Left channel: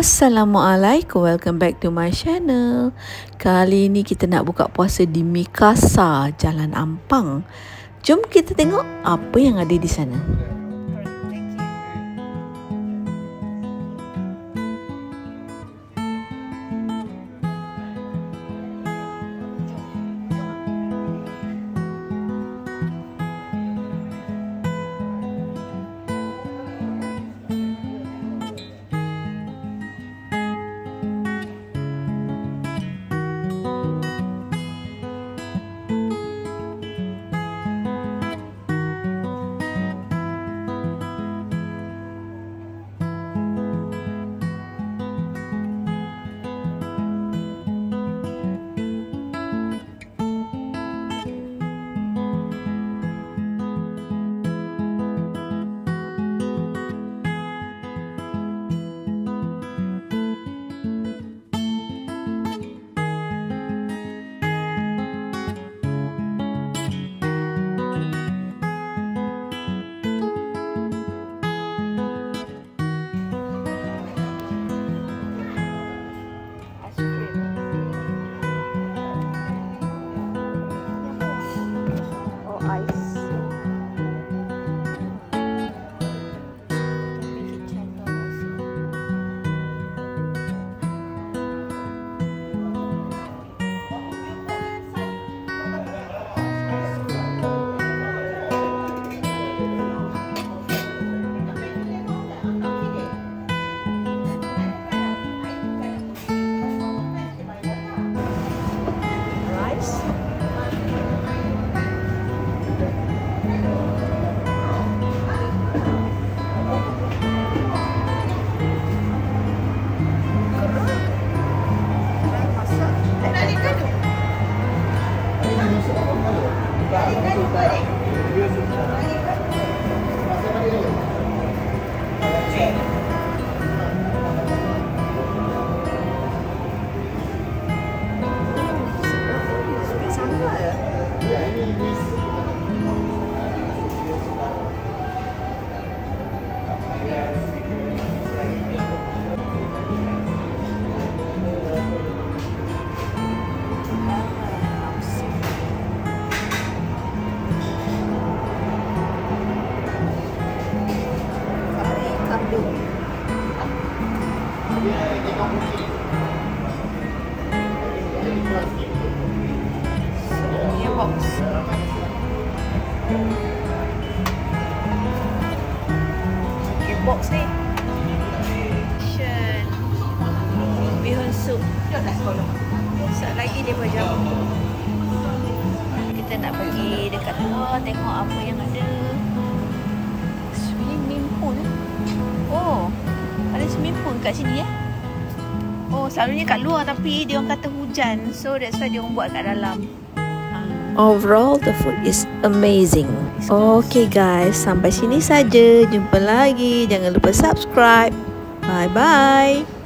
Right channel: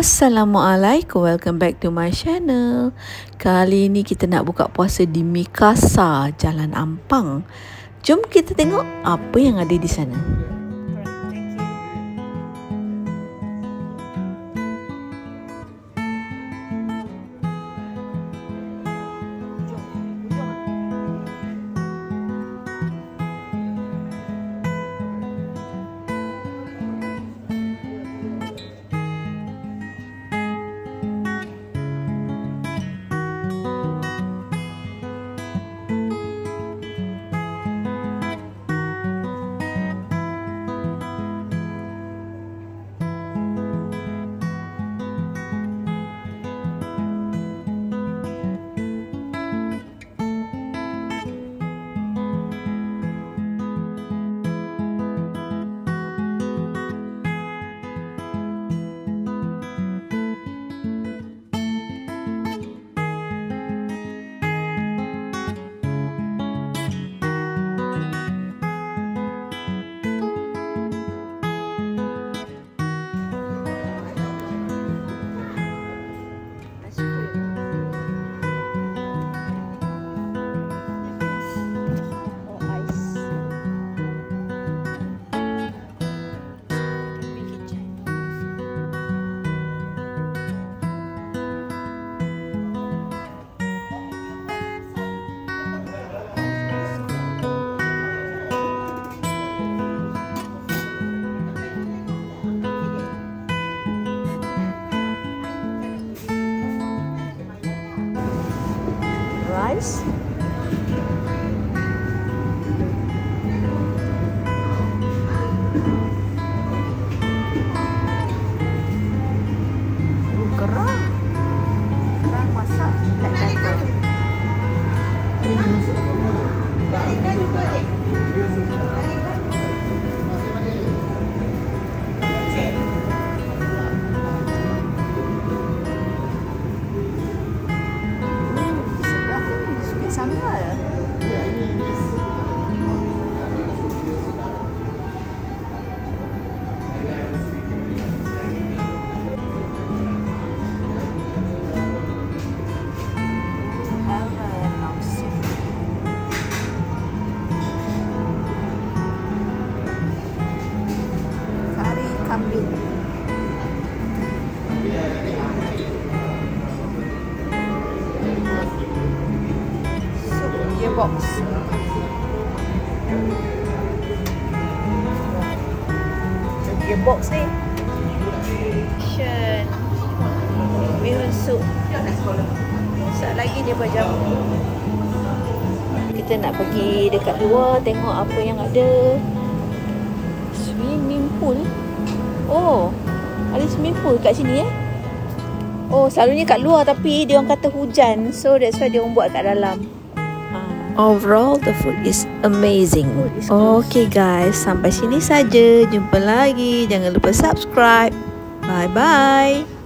Assalamualaikum, welcome back to my channel. Kali ni kita nak buka puasa di Mikasa, Jalan Ampang. Jom kita tengok apa yang ada di sana. Box ni bihun sup. Sekejap lagi dia berjam. Kita nak pergi dekat luar tengok apa yang ada. Swimming pool. Oh, ada swimming pool kat sini Oh, selalunya kat luar tapi dia orang kata hujan, so that's why dia orang buat kat dalam. Overall, the food is amazing. Okay guys, sampai sini saja. Jumpa lagi. Jangan lupa subscribe. Bye-bye.